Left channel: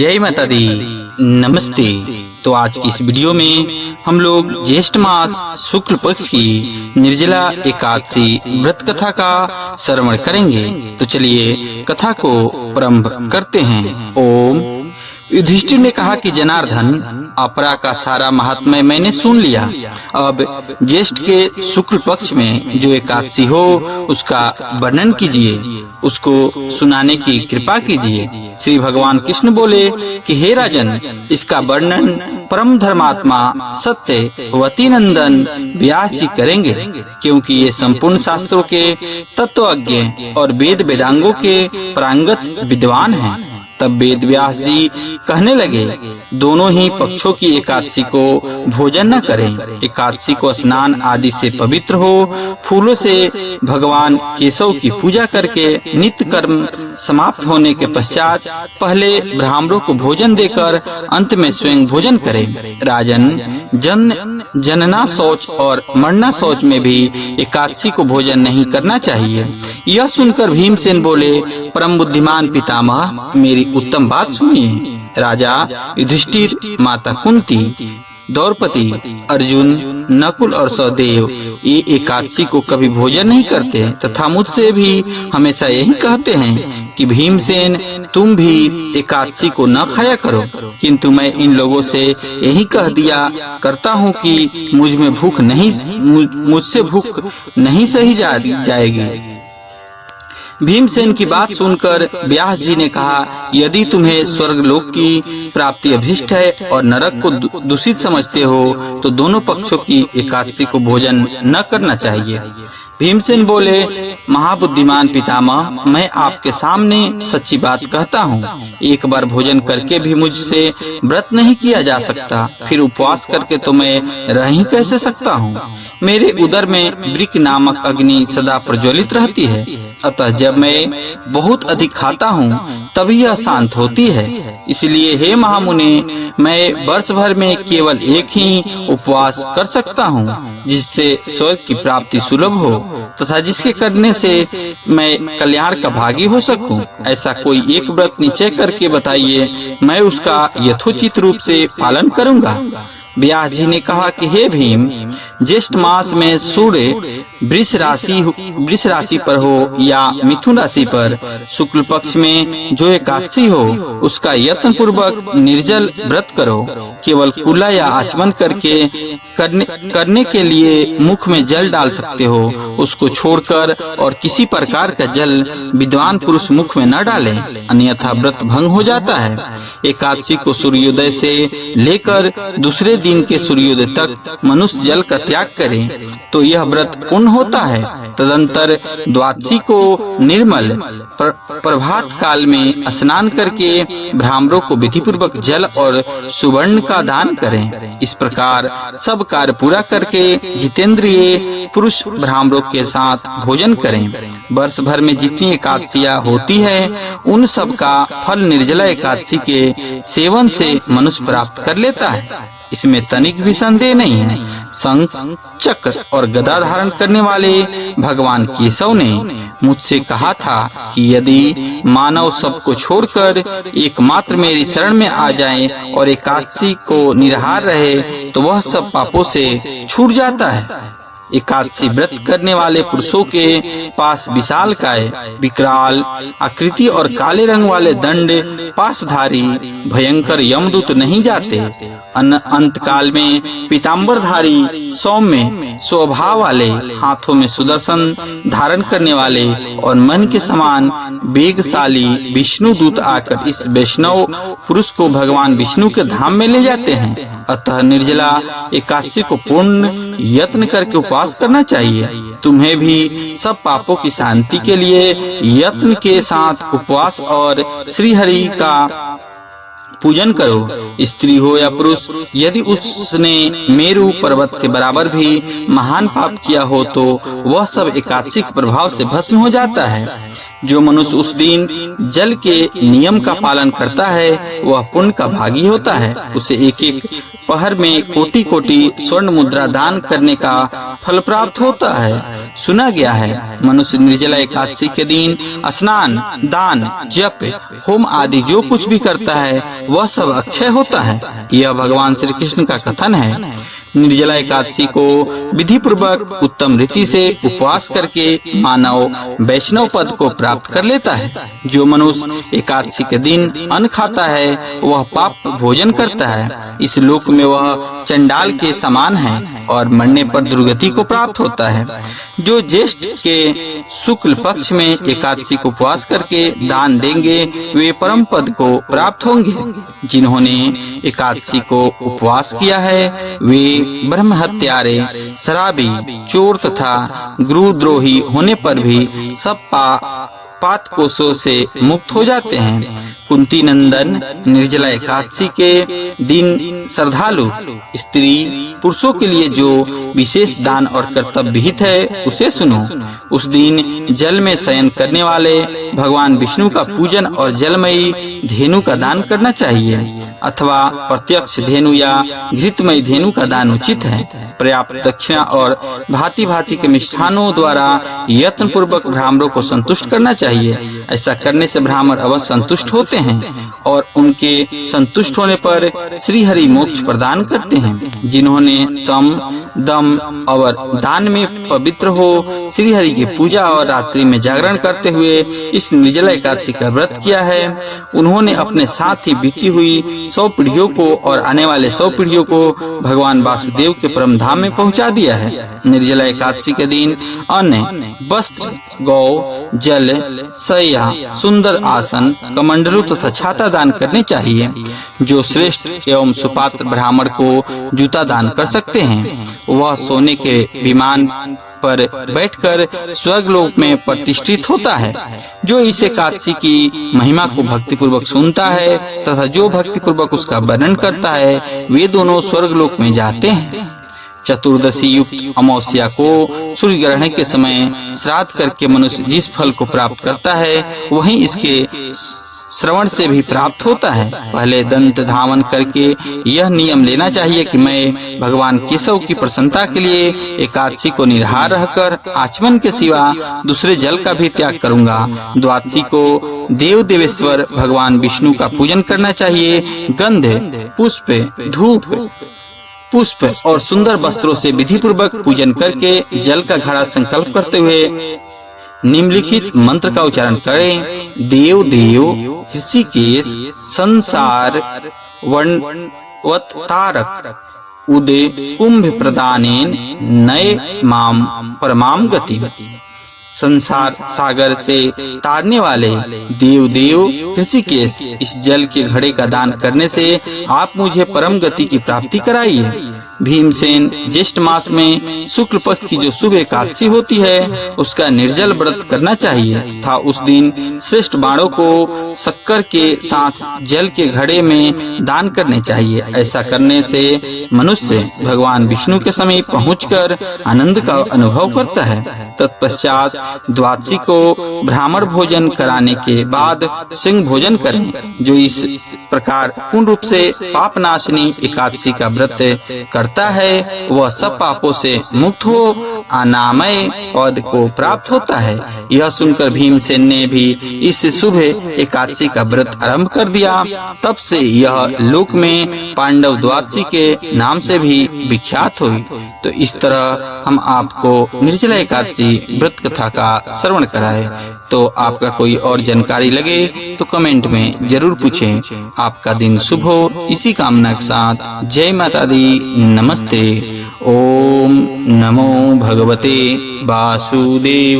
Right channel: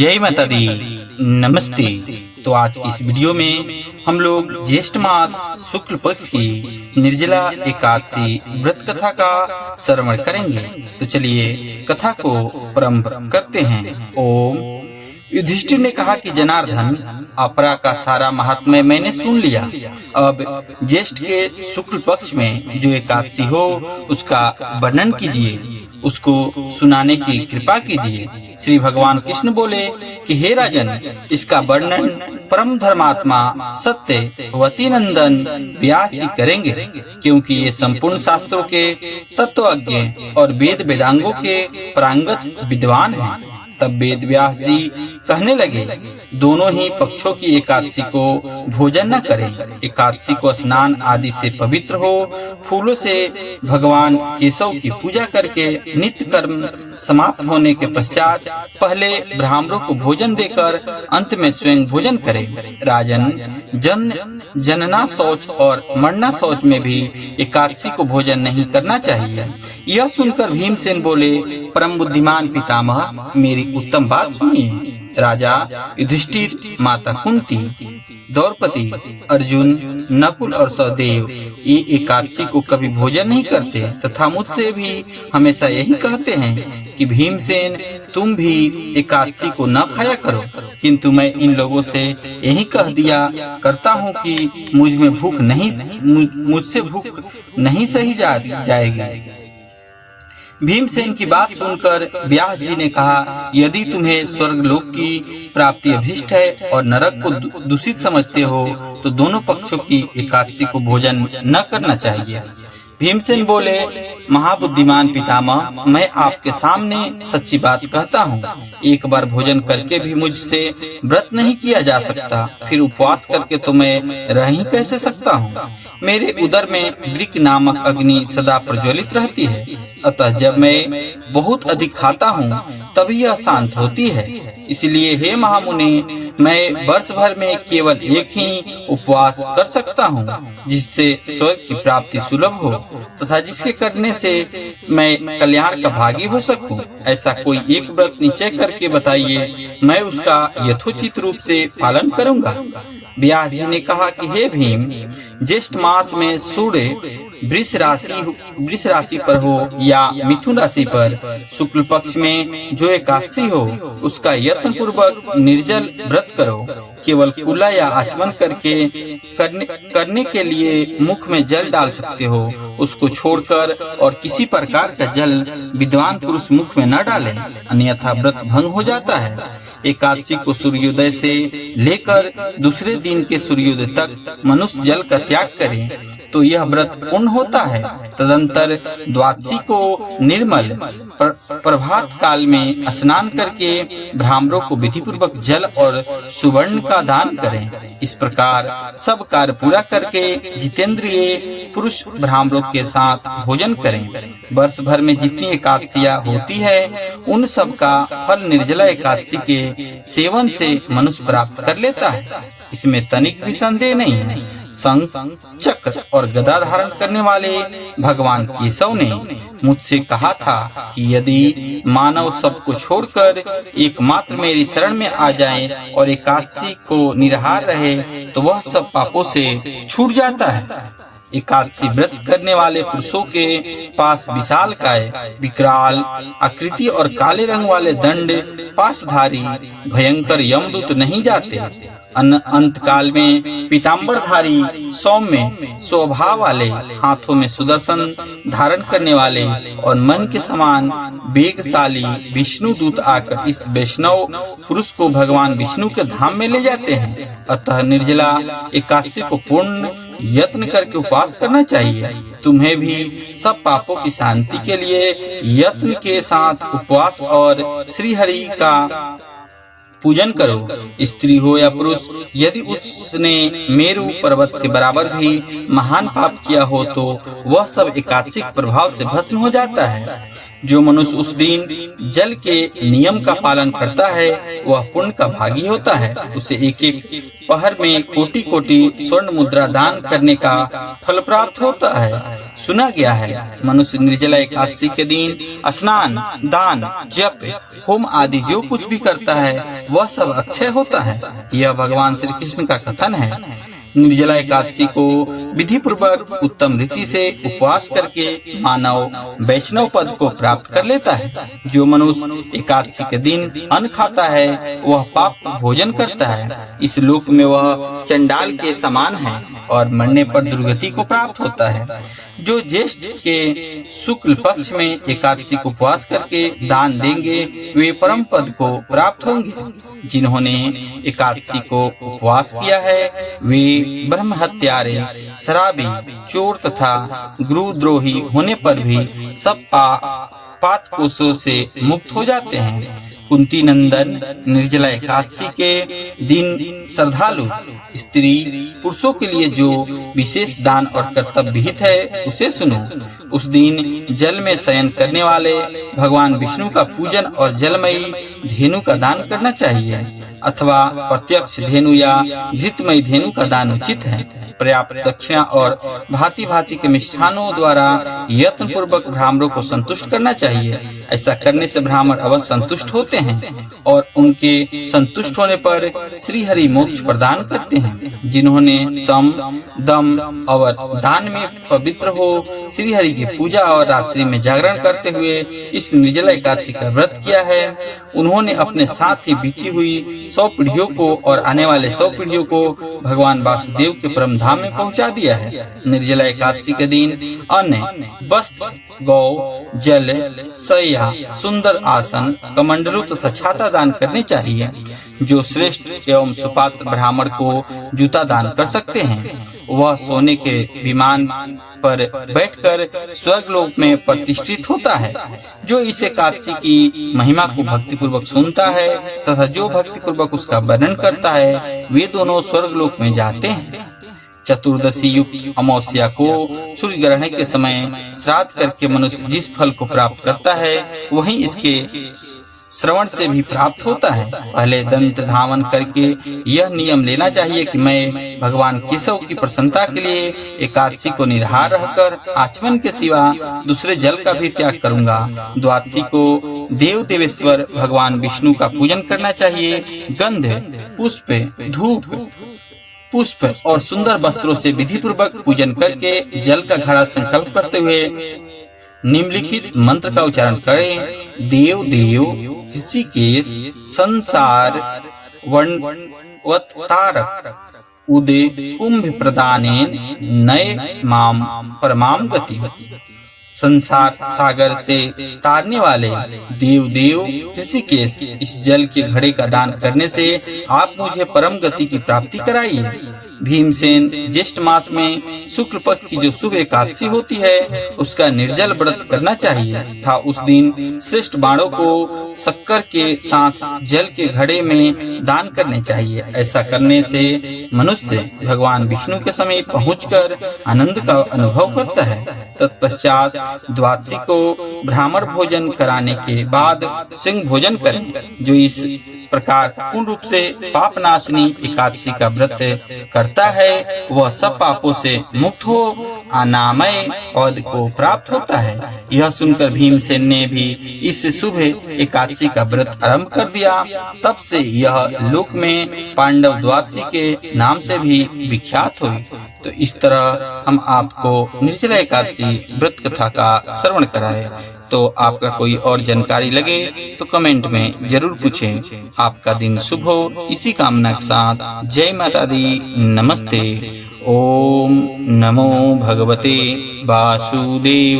जय माता दी, नमस्ते। तो आज की इस वीडियो में हम लोग ज्येष्ठ मास शुक्ल पक्ष की निर्जला एकादशी व्रत कथा का श्रवण करेंगे। तो चलिए कथा को प्रारंभ करते हैं। ओम। युधिष्ठिर ने कहा कि जनार्दन, अपरा का सारा महात्म्य मैंने सुन लिया। अब ज्येष्ठ के शुक्ल पक्ष में जो एकादशी हो उसका वर्णन कीजिए, उसको सुनाने की कृपा कीजिए। श्री भगवान कृष्ण बोले कि हे राजन, इसका वर्णन परम धर्मात्मा सत्य वती नंदन व्यास जी करेंगे, क्योंकि ये संपूर्ण शास्त्रों के तत्वज्ञ और वेद वेदांगों के प्रांगत विद्वान हैं। तब वेद व्यास जी कहने लगे, दोनों ही पक्षों की एकादशी को भोजन न करें। एकादशी को स्नान आदि से पवित्र हो, फूलों से भगवान केशव की पूजा करके नित्य कर्म समाप्त होने के पश्चात पहले ब्राह्मणों को भोजन देकर अंत में स्वयं भोजन करें। राजन, जनना शौच और मरना शौच में भी एकादशी को भोजन नहीं करना चाहिए। यह सुनकर भीमसेन बोले, परम बुद्धिमान पितामह, मेरी उत्तम बात सुनिए। राजा युधिष्ठिर, माता कुंती, द्रौपदी, अर्जुन, नकुल और सहदेव ये एकादशी को कभी भोजन नहीं करते तथा मुझसे भी हमेशा यही कहते हैं कि भीमसेन, तुम भी एकादशी को न खाया करो। किंतु मैं इन लोगों से यही कह दिया करता हूँ कि मुझसे भूख नहीं सही जाएगी। भीमसेन की बात सुनकर व्यास जी ने कहा, यदि तुम्हें स्वर्गलोक की प्राप्ति अभिष्ट है और नरक को दूषित समझते हो तो दोनों पक्षों की एकादशी को भोजन न करना चाहिए। भीमसेन बोले, महाबुद्धिमान पितामह, मैं आपके सामने सच्ची बात कहता हूँ। एक बार भोजन करके भी मुझसे व्रत नहीं किया जा सकता, फिर उपवास करके तो मैं रह ही कैसे सकता हूँ। मेरे उदर में वृक नामक अग्नि सदा प्रज्वलित रहती है, अतः जब मैं बहुत अधिक खाता हूँ तभी यह शांत होती है। इसलिए हे महामुनि, मैं वर्ष भर में केवल एक ही उपवास कर सकता हूँ, जिससे स्वर्ग की प्राप्ति सुलभ हो तथा जिसके करने से मैं कल्याण का भागी हो सकूं। ऐसा कोई एक व्रत निश्चय करके बताइए, मैं उसका यथोचित रूप से पालन करूंगा। व्यास जी ने कहा कि हे भीम, ज्येष्ठ मास में सूर्य वृष राशि पर हो या मिथुन राशि पर शुक्ल पक्ष में जो एकादशी हो उसका यत्न पूर्वक निर्जल व्रत करो। केवल कुल्ला या आचमन करने के लिए मुख में जल डाल सकते हो, उसको छोड़कर और किसी प्रकार का जल विद्वान पुरुष मुख में न डाले, अन्यथा व्रत भंग हो जाता है। एकादशी को सूर्योदय से लेकर दूसरे दिन के सूर्योदय तक मनुष्य जल का त्याग करे तो यह व्रत पूर्ण होता है। तदंतर द्वादशी को निर्मल प्रभात काल में स्नान करके ब्राह्मणों को विधि पूर्वक जल और सुवर्ण का दान करें। इस प्रकार सब कार्य पूरा करके जितेंद्रिय पुरुष ब्राह्मणों के साथ भोजन करें। वर्ष भर में जितनी एकादशियां होती है उन सब का फल निर्जला एकादशी के सेवन से मनुष्य प्राप्त कर लेता है, इसमें तनिक भी संदेह नहीं है। शंख, चक्र और गदा धारण करने वाले भगवान केशव ने मुझसे कहा था कि यदि मानव सबको छोड़कर एकमात्र मेरी शरण में आ जाए और एकादशी को निराहार रहे तो वह सब पापों से छूट जाता है। एकादशी व्रत करने वाले पुरुषों के पास विशालकाय, विकराल आकृति और काले रंग वाले दंड पासधारी भयंकर यमदूत नहीं जाते। अंत काल में पीताम्बरधारी, सौम्य स्वभाव वाले, हाथों में सुदर्शन धारण करने वाले और मन के समान वेगशाली विष्णु दूत आकर इस वैष्णव पुरुष को भगवान विष्णु के धाम में ले जाते हैं। अतः निर्जला एकादशी को पूर्ण यत्न करके उपवास करना चाहिए। तुम्हें भी सब पापों की शांति के लिए यत्न के साथ उपवास और श्री हरि का पूजन करो। स्त्री हो या पुरुष, यदि उसने मेरु पर्वत के बराबर भी महान पाप किया हो तो वह सब एकादशी के प्रभाव से भस्म हो जाता है। जो मनुष्य उस दिन जल के नियम का पालन करता है वह पुण्य का भागी होता है। उसे एक एक पहर में कोटि कोटि स्वर्ण मुद्रा दान करने का फल प्राप्त होता है। सुना गया है मनुष्य निर्जला एकादशी के दिन स्नान, दान, जप, होम आदि जो कुछ भी करता है वह सब अक्षय होता है। यह भगवान श्री कृष्ण का कथन है। निर्जला एकादशी को विधि पूर्वक उत्तम रीति से उपवास करके मानव वैष्णव पद को प्राप्त कर लेता है। जो मनुष्य एकादशी के दिन अन्न खाता है वह पाप भोजन करता है। इस लोक में वह चंडाल के समान है और मरने पर दुर्गति को प्राप्त होता है। जो ज्येष्ठ के शुक्ल पक्ष में एकादशी को उपवास करके दान देंगे वे परम पद को प्राप्त होंगे। जिन्होंने एकादशी को उपवास किया है वे ब्रह्म हत्यारे, शराबी, चोर तथा गुरुद्रोही होने पर भी सब पात कोषों से मुक्त हो जाते हैं। कुंती नंदन, निर्जला एकादशी के दिन श्रद्धालु स्त्री पुरुषों के लिए जो विशेष दान और कर्तव्य विहित है उसे सुनो। उस दिन जल में शयन करने वाले भगवान विष्णु का पूजन और जलमयी धेनु का दान करना चाहिए, अथवा प्रत्यक्ष धेनु या घृतमयी धेनु का दान उचित है। पर्याप्त दक्षिणा और भांति भांति के मिष्ठानों द्वारा यत्न पूर्वक ब्राह्मणों को संतुष्ट करना चाहिए। ऐसा करने से ब्राह्मण अवश्य संतुष्ट होते हैं और उनके संतुष्ट होने पर श्री हरि मोक्ष प्रदान करते हैं। जिन्होंने सम, दम और दान में पवित्र हो श्री हरि की पूजा और रात्रि में जागरण करते हुए इस निर्जला एकादशी का व्रत किया है, उन्होंने अपने साथ ही बीती हुई 100 पीढ़ियों को और आने वाले 100 पीढ़ियों को भगवान वासुदेव के परम धाम में पहुंचा दिया है। निर्जला एकादशी के दिन अन्न, वस्त्र, गौ, जल, शय्या, सुंदर आसन, कमंडलू तथा छाता दान करने चाहिए। जो श्रेष्ठ एवं सुपात्र ब्राह्मण को जूता दान कर सकते हैं वह सोने के विमान पर बैठकर स्वर्गलोक में प्रतिष्ठित होता है। जो इस एकादशी की महिमा को भक्तिपूर्वक सुनता है तथा जो भक्तिपूर्वक उसका वर्णन करता है वे दोनों स्वर्गलोक में जाते हैं। चतुर्दशी युक्त अमावस्या को सूर्य ग्रहण के समय श्राद्ध करके मनुष्य जिस फल को प्राप्त करता है वही इसके श्रवण से भी प्राप्त होता है। पहले दंत धावन करके यह नियम लेना चाहिए कि मैं भगवान केशव की प्रसन्नता के लिए एकादशी को निराहार रहकर आचमन के सिवा दूसरे जल का भी त्याग करूंगा। द्वादशी को देव देवेश्वर भगवान विष्णु का पूजन करना चाहिए। गंध, पुष्प, धूप, पुष्प और सुंदर वस्त्रों से विधि पूर्वक पूजन करके जल का घड़ा संकल्प करते हुए निम्नलिखित मंत्र का उच्चारण करें। देव देव ऋषिकेश संसार वनवतारक उदय कुंभ प्रदानेन नए माम परमाम गति। संसार सागर से तारने वाले देव देव ऋषिकेश इस जल के घड़े का दान करने से आप मुझे परम गति की प्राप्ति कराइए। भीमसेन ज्येष्ठ मास में शुक्ल पक्ष की जो शुभ एकादशी होती है उसका निर्जल व्रत करना चाहिए तथा उस दिन श्रेष्ठ बाणों को शक्कर के साथ जल के घड़े में दान करने चाहिए। ऐसा करने से मनुष्य भगवान विष्णु के समीप पहुंचकर आनंद का अनुभव करता है। तत्पश्चात द्वादशी को ब्राह्मण भोजन कराने के बाद सिंह भोजन करें। जो इस प्रकार पूर्ण रूप से पापनाशिनी एकादशी का व्रत करता है वह सब पापों से मुक्त हो अनामय पद को प्राप्त होता है। यह सुनकर भीमसेन ने भी इस शुभ एकादशी का व्रत आरंभ कर दिया। तब से यह लोक में पांडव द्वादशी के नाम से भी विख्यात हुई। तो इस तरह हम आपको निर्जला एकादशी व्रत कथा का श्रवण कराए। तो आपका कोई और जानकारी लगे तो कमेंट में जरूर पूछें। आपका दिन शुभ हो इसी कामना के साथ जय माता दी। नमस्ते। ओम नमो भगवते वासुदेवाय।